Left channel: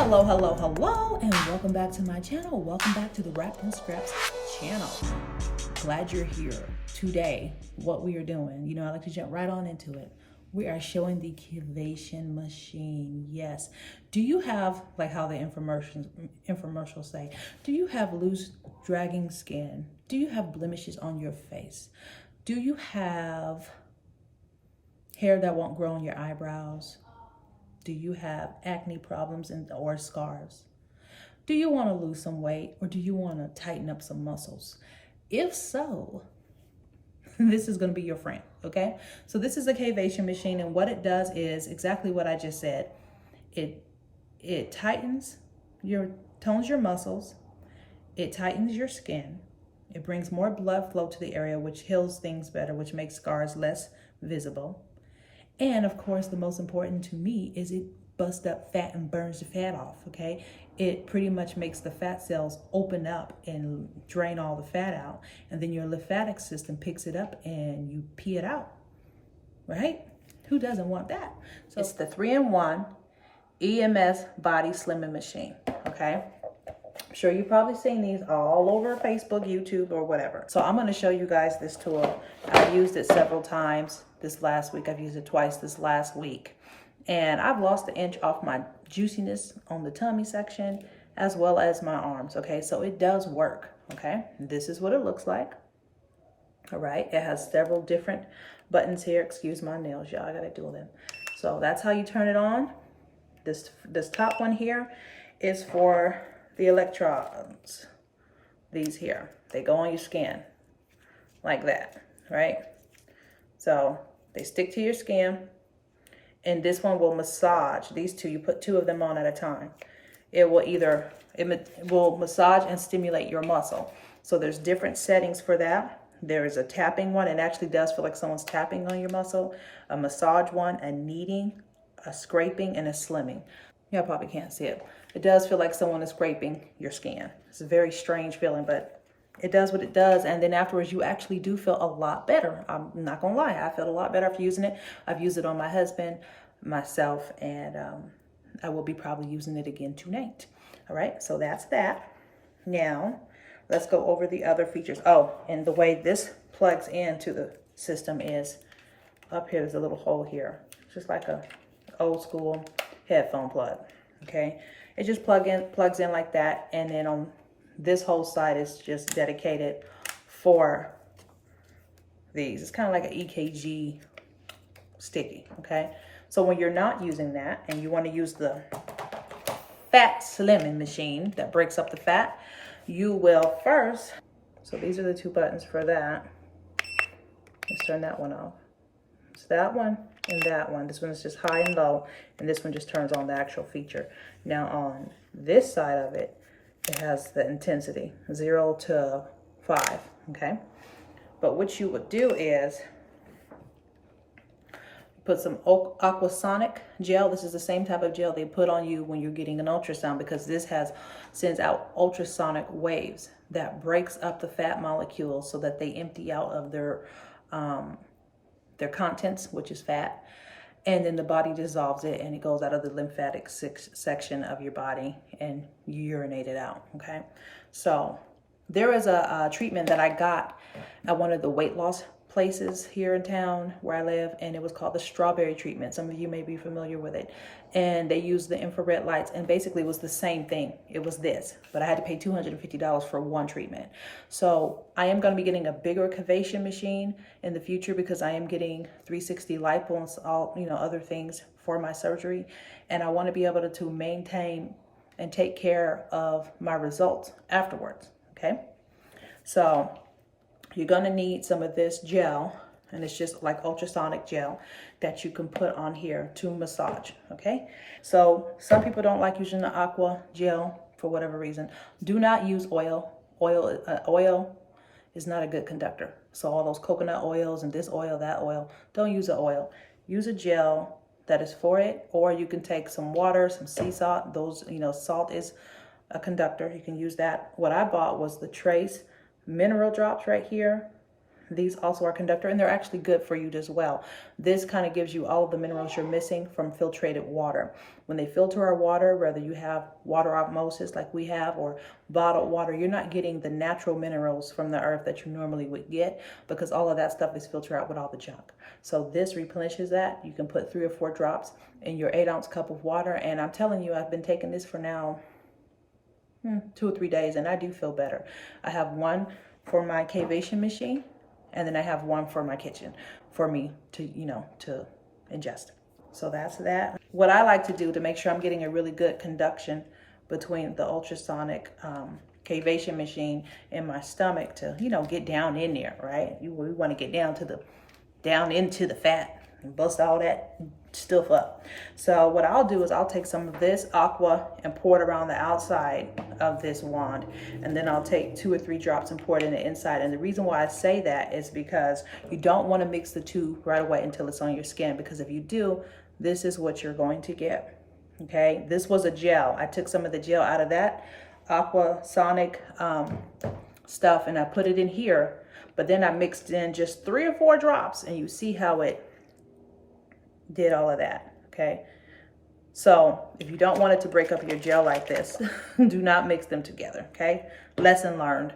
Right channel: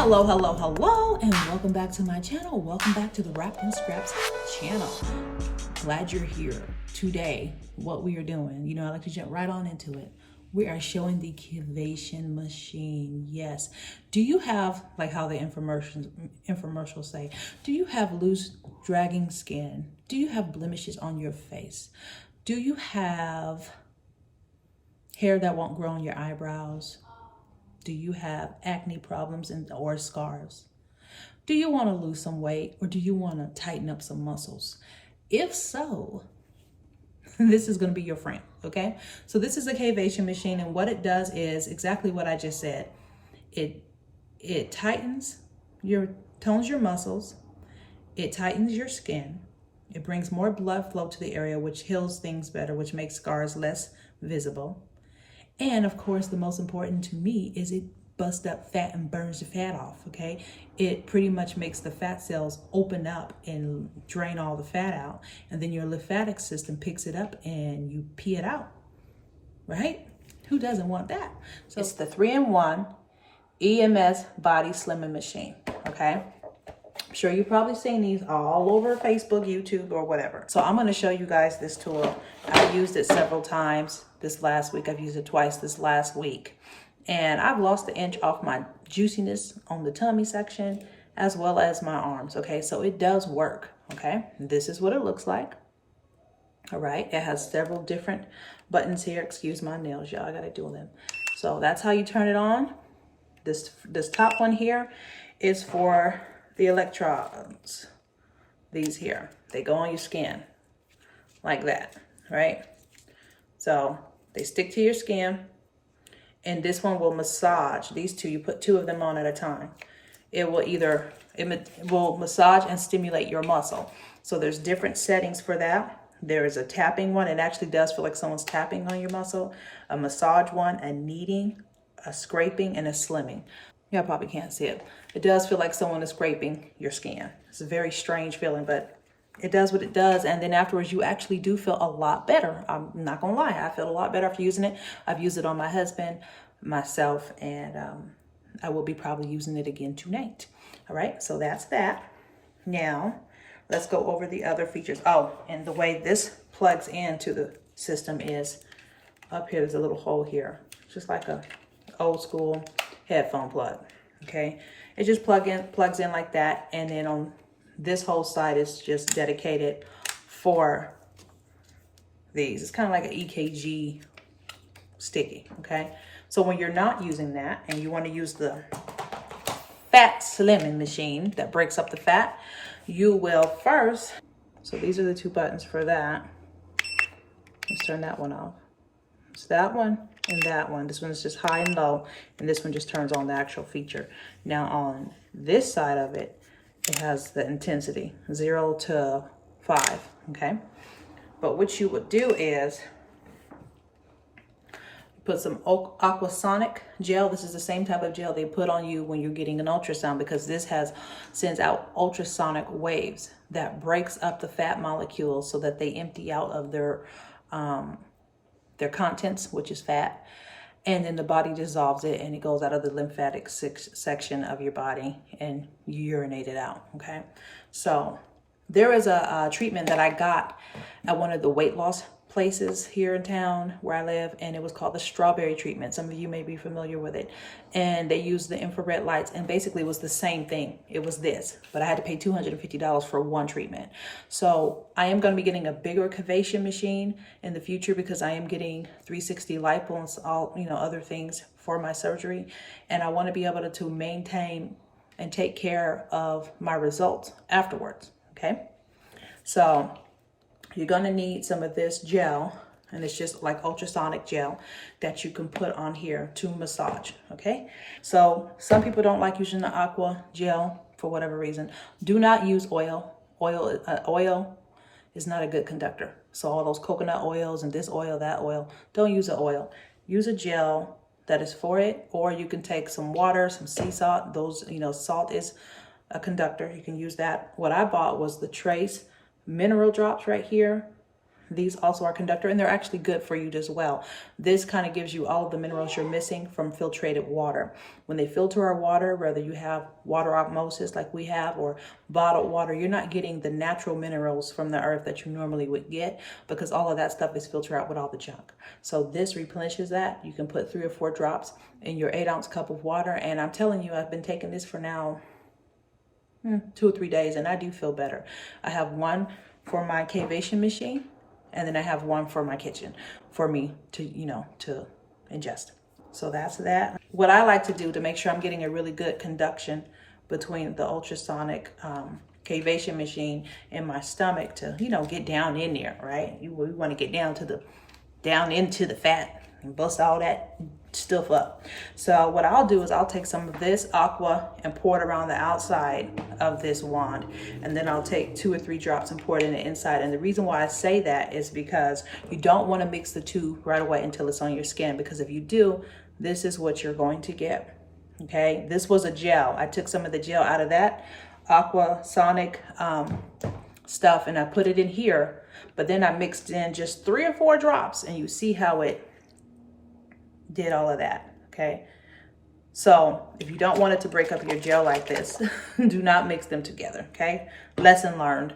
Hello, hello, hello, and welcome back to my channel. Welcome back to the Wrapped in Scraps channel. Glad you're here. Today, what we are doing, I like to jump right on into it. We are showing the Cavitation machine. Yes. Do you have, like how the infomercials say, do you have loose, dragging skin? Do you have blemishes on your face? Do you have hair that won't grow on your eyebrows? Do you have acne problems or scars? Do you want to lose some weight, or do you want to tighten up some muscles? If so, this is going to be your friend, okay? So this is a Cavitation machine, and what it does is exactly what I just said. It tones your muscles, it tightens your skin, it brings more blood flow to the area, which heals things better, which makes scars less visible. And of course, the most important to me is it busts up fat and burns the fat off, okay? It pretty much makes the fat cells open up and drain all the fat out. And then your lymphatic system picks it up and you pee it out, right? Who doesn't want that? So it's the 3-in-1 EMS body slimming machine, okay? I'm sure you've probably seen these all over Facebook, YouTube, or whatever. So I'm gonna show you guys this tool. I've used it several times this last week. I've used it twice this last week. And I've lost an inch off my juiciness on the tummy section, as well as my arms, okay? So it does work, okay? This is what it looks like, all right? It has several different buttons here. Excuse my nails, y'all, I gotta do them. So that's how you turn it on. This top one here is for the electrodes. These here, they go on your skin like that, right? So they stick to your skin, and this one will massage. These two, you put 2 of them on at a time. It will massage and stimulate your muscle. So there's different settings for that. There is a tapping one. It actually does feel like someone's tapping on your muscle. A massage one, a kneading, a scraping, and a slimming. Y'all probably can't see it. It does feel like someone is scraping your skin. It's a very strange feeling, but it does what it does. And then afterwards, you actually do feel a lot better. I'm not gonna lie, I feel a lot better after using it. I've used it on my husband, myself, and I will be probably using it again tonight. All right, so that's that. Now, let's go over the other features. Oh, and the way this plugs into the system is up here, there's a little hole here. It's just like a old school headphone plug, okay? It just plugs in like that, and then on this whole side is just dedicated for these. It's kind of like an EKG sticky, okay? So when you're not using that and you want to use the fat slimming machine that breaks up the fat, you will first, so these are the 2 buttons for that. Let's turn that one off. It's that one and that one. This one is just high and low, and this one just turns on the actual feature. Now on this side of it, it has the intensity, 0 to 5, okay? But what you would do is put some aquasonic gel. This is the same type of gel they put on you when you're getting an ultrasound, because this sends out ultrasonic waves that breaks up the fat molecules so that they empty out of their contents, which is fat, and then the body dissolves it and it goes out of the lymphatic section of your body and you urinate it out, okay? So there is a treatment that I got at one of the weight loss places here in town where I live, and it was called the strawberry treatment. Some of you may be familiar with it. And they used the infrared lights, and basically it was the same thing. It was this, but I had to pay $250 for one treatment. So I am going to be getting a bigger Cavitation machine in the future, because I am getting 360 lipo and all, other things for my surgery. And I want to be able to maintain and take care of my results afterwards, okay? So you're gonna need some of this gel, and it's just like ultrasonic gel that you can put on here to massage, okay? So some people don't like using the aqua gel for whatever reason. Do not use oil. Oil is not a good conductor. So all those coconut oils and this oil, that oil, don't use the oil. Use a gel that is for it, or you can take some water, some sea salt. Those, salt is a conductor. You can use that. What I bought was the Trace mineral drops right here. These also are conductor, and they're actually good for you as well. This kind of gives you all of the minerals you're missing from filtrated water. When they filter our water, whether you have water osmosis like we have or bottled water, you're not getting the natural minerals from the earth that you normally would get, because all of that stuff is filtered out with all the junk. So this replenishes that. You can put 3 or 4 drops in your 8-ounce cup of water. And I'm telling you, I've been taking this for now 2 or 3 days, and I do feel better. I have one for my Cavitation machine, and then I have one for my kitchen for me to, to ingest. So that's that. What I like to do to make sure I'm getting a really good conduction between the ultrasonic Cavitation machine and my stomach to, get down in there, right? We want to get down into the fat and bust all that stuff up. So what I'll do is I'll take some of this aqua and pour it around the outside of this wand, and then I'll take 2 or 3 drops and pour it in the inside. And the reason why I say that is because you don't want to mix the two right away until it's on your skin, because if you do, this is what you're going to get. Okay, this was a gel. I took some of the gel out of that aqua sonic stuff and I put it in here, but then I mixed in just 3 or 4 drops, and you see how it did all of that. Okay, so if you don't want it to break up your gel like this, do not mix them together. Okay, lesson learned.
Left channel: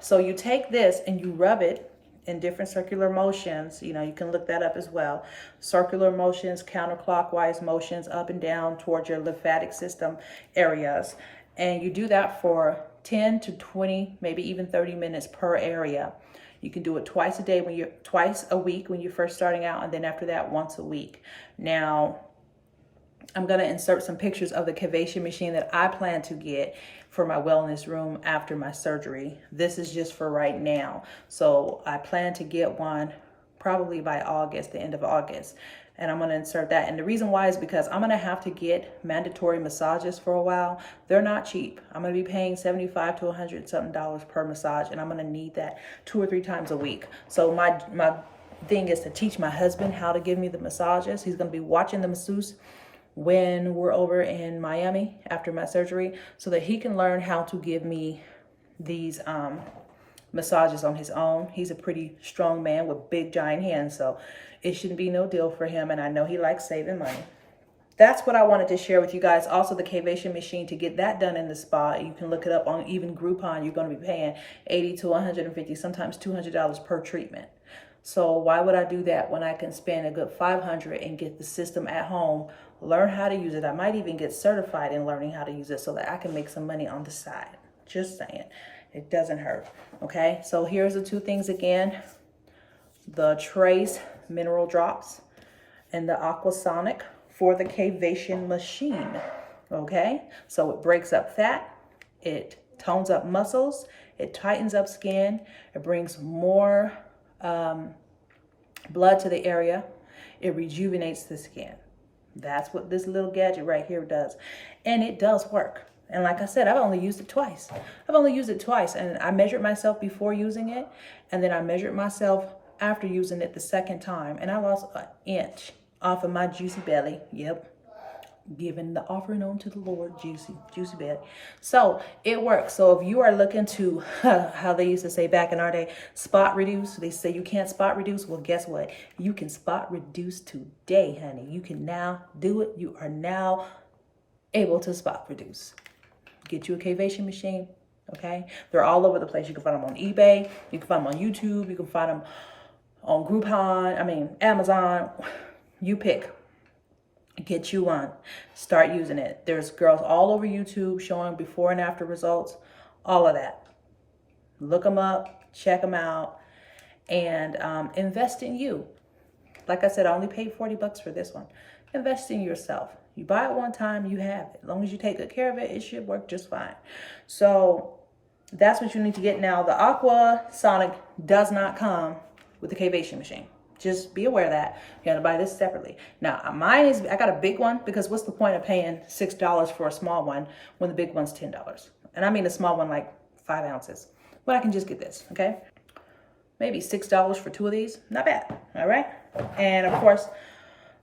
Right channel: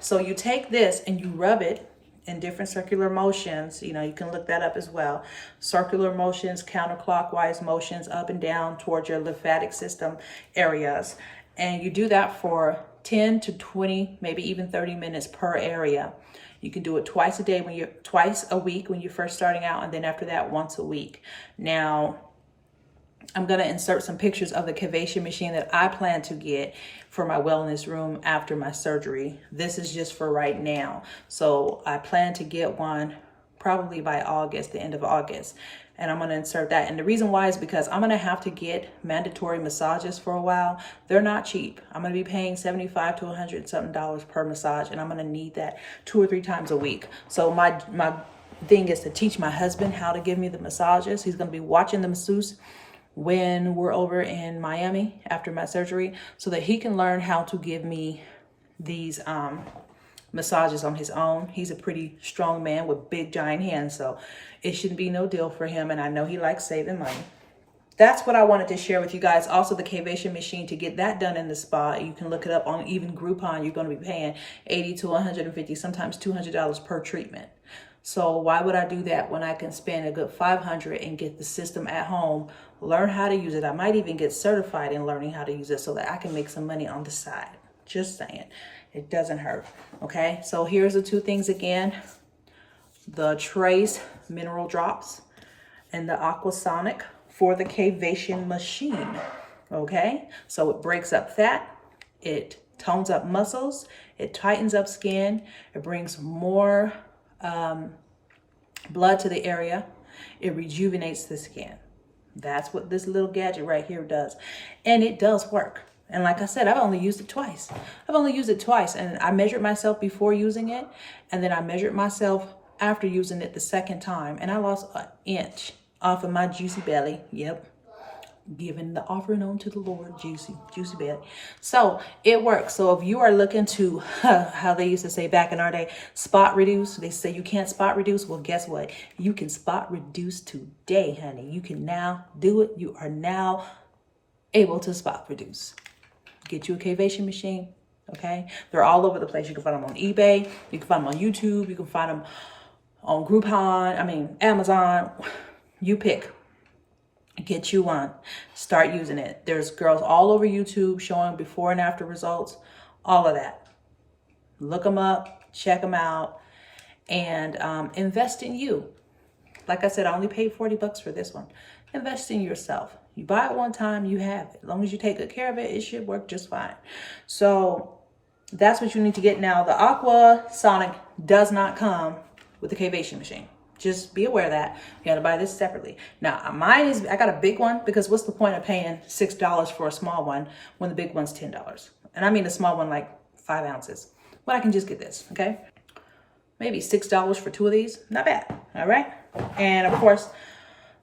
So you take this and you rub it in different circular motions. You can look that up as well. Circular motions, counterclockwise motions, up and down towards your lymphatic system areas. And you do that for 10 to 20, maybe even 30 minutes per area. You can do it twice a week when you're first starting out, and then after that, once a week. Now, I'm going to insert some pictures of the Cavitation machine that I plan to get for my wellness room after my surgery. This is just for right now. So I plan to get one probably by August, the end of August. And I'm going to insert that. And the reason why is because I'm going to have to get mandatory massages for a while. They're not cheap. I'm going to be paying $75 to $100 something per massage. And I'm going to need that 2 or 3 times a week. So my thing is to teach my husband how to give me the massages. He's going to be watching the masseuse when we're over in Miami after my surgery, so that he can learn how to give me these massages on his own. He's a pretty strong man with big giant hands, so it shouldn't be no deal for him, and I know he likes saving money. That's what I wanted to share with you guys. Also, the Cavitation machine, to get that done in the spa, you can look it up on even Groupon. You're going to be paying $80 to $150, sometimes $200 per treatment. So why would I do that when I can spend a good $500 and get the system at home, learn how to use it? I might even get certified in learning how to use it so that I can make some money on the side. Just saying, it doesn't hurt. Okay, so here's the 2 things again: the Trace mineral drops and the Aquasonic for the Cavitation machine. Okay, so it breaks up fat, it tones up muscles, it tightens up skin, it brings more blood to the area, it rejuvenates the skin. That's what this little gadget right here does, and it does work. And like I said, I've only used it twice. And I measured myself before using it, and then I measured myself after using it the second time, and I lost an inch off of my juicy belly. Yep, giving the offering on to the Lord, juicy belly. So it works. So if you are looking to, how they used to say back in our day, spot reduce, they say you can't spot reduce. Well, guess what? You can spot reduce today, honey. You can now do it. You are now able to spot reduce. Get you a Cavitation machine. Okay, they're all over the place. You can find them on eBay. You can find them on YouTube. You can find them on Groupon. Amazon. You pick. Get you one. Start using it. There's girls all over YouTube showing before and after results. All of that. Look them up. Check them out. And invest in you. Like I said, I only paid $40 for this one. Invest in yourself. You buy it one time, you have it. As long as you take good care of it, it should work just fine. So that's what you need to get now. The Aqua Sonic does not come with the Cavitation machine. Just be aware of that. You gotta buy this separately. Now, mine is, I got a big one, because what's the point of paying $6 for a small one when the big one's $10? And I mean a small one, like 5 ounces. Well, I can just get this, okay? Maybe $6 for 2 of these. Not bad, all right? And of course,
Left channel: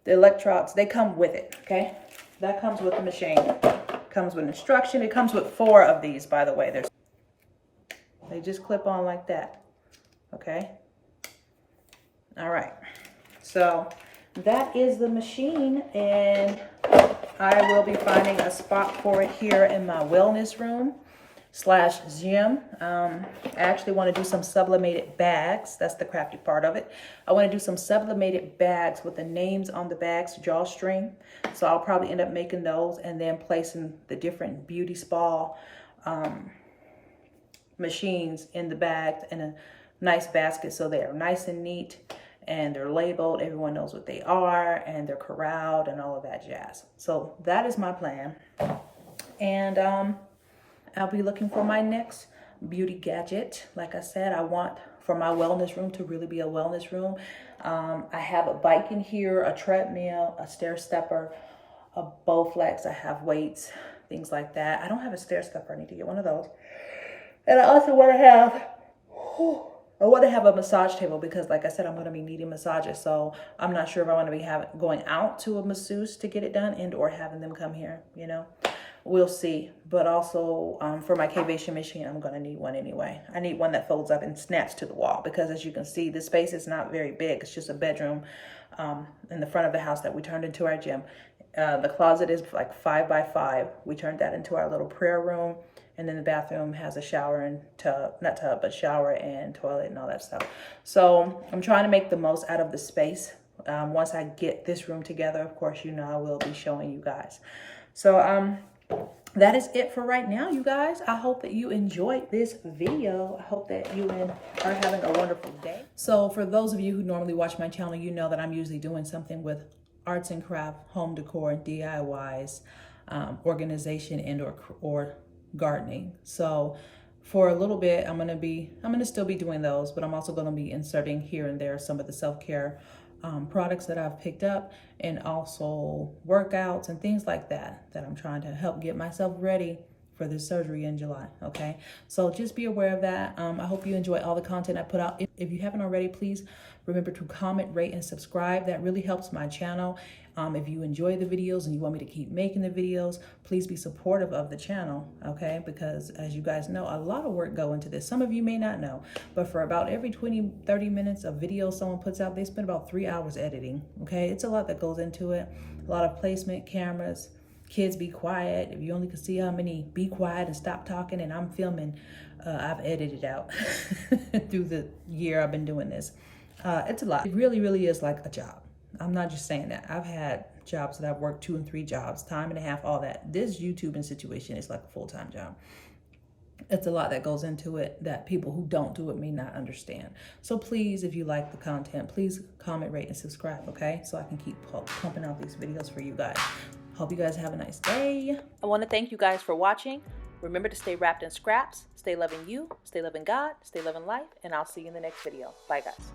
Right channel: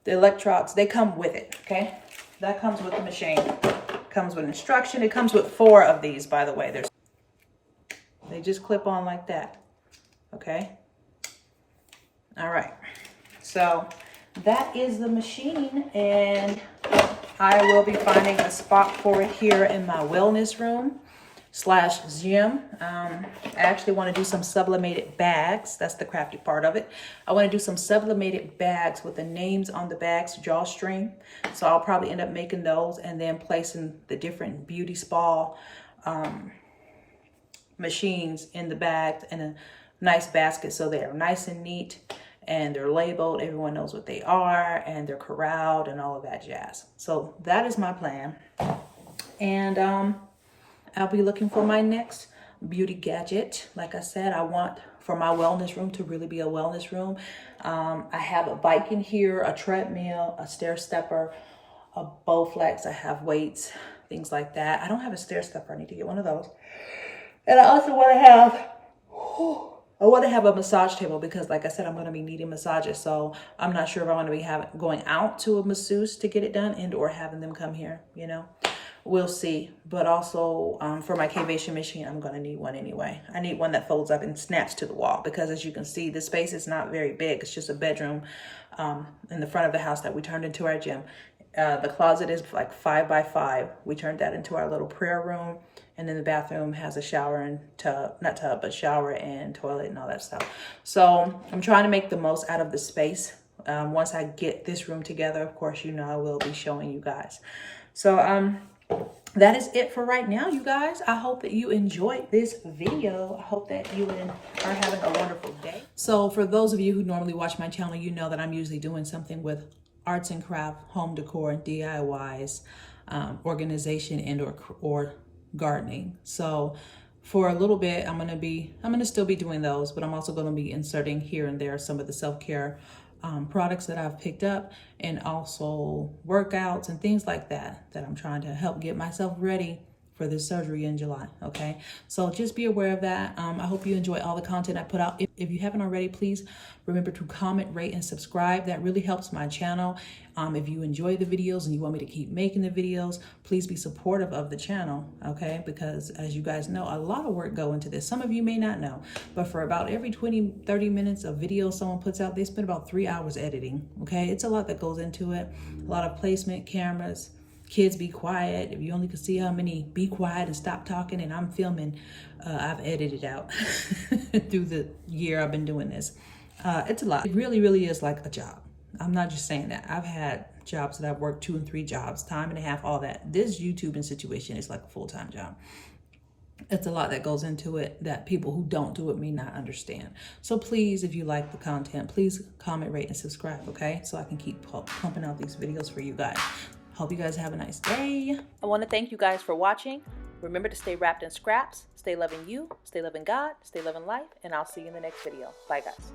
the electrodes, they come with it, okay? That comes with the machine. Comes with instruction. It comes with 4 of these, by the way. They just clip on like that, okay? All right, so that is the machine, and I will be finding a spot for it here in my wellness room slash gym. I actually want to do some sublimated bags. That's the crafty part of it. I want to do some sublimated bags with the names on the bags, drawstring. So I'll probably end up making those and then placing the different beauty spa machines in the bags in a nice basket, so they're nice and neat and they're labeled. Everyone knows what they are and they're corralled and all of that jazz. So that is my plan. And I'll be looking for my next beauty gadget. Like I said, I want for my wellness room to really be a wellness room. I have a bike in here, a treadmill, a stair stepper, a Bowflex. I have weights, things like that. I don't have a stair stepper. I need to get one of those. And I also want to have a massage table because, like I said, I'm going to be needing massages. So I'm not sure if I want to be going out to a masseuse to get it done and or having them come here, you know. We'll see. But also for my Cavitation machine, I'm going to need one anyway. I need one that folds up and snaps to the wall because, as you can see, the space is not very big. It's just a bedroom in the front of the house that we turned into our gym. The closet is like 5 by 5. We turned that into our little prayer room. And then the bathroom has a shower and tub, not tub, but shower and toilet and all that stuff. So I'm trying to make the most out of the space. Once I get this room together, of course, you know, I will be showing you guys. So that is it for right now, you guys. I hope that you enjoyed this video. I hope that you are having a wonderful day. So for those of you who normally watch my channel, you know that I'm usually doing something with arts and craft, home decor, DIYs, organization, and or gardening. So for a little bit, I'm gonna still be doing those, but I'm also gonna be inserting here and there some of the self-care products that I've picked up, and also workouts and things like that I'm trying to help get myself ready for this surgery in July. Okay, so just be aware of that. I hope you enjoy all the content I put out. If you haven't already, please remember to comment, rate, and subscribe. That really helps my channel. If you enjoy the videos and you want me to keep making the videos, please be supportive of the channel, okay? Because as you guys know, a lot of work go into this. Some of you may not know, but for about every 20-30 minutes of video someone puts out, they spend about 3 hours editing, okay? It's a lot that goes into it. A lot of placement, cameras, kids be quiet. If you only could see how many be quiet and stop talking and I'm filming, I've edited out through the year I've been doing this. It's a lot. It really, really is like a job. I'm not just saying that. I've had jobs that I've worked 2 and 3 jobs, time and a half, all that. This YouTubing situation is like a full-time job. It's a lot that goes into it that people who don't do it may not understand. So please, if you like the content, please comment, rate, and subscribe, okay? So I can keep pumping out these videos for you guys. Hope you guys have a nice day. I want to thank you guys for watching. Remember to stay wrapped in scraps, stay loving you, stay loving God, stay loving life, and I'll see you in the next video. Bye, guys.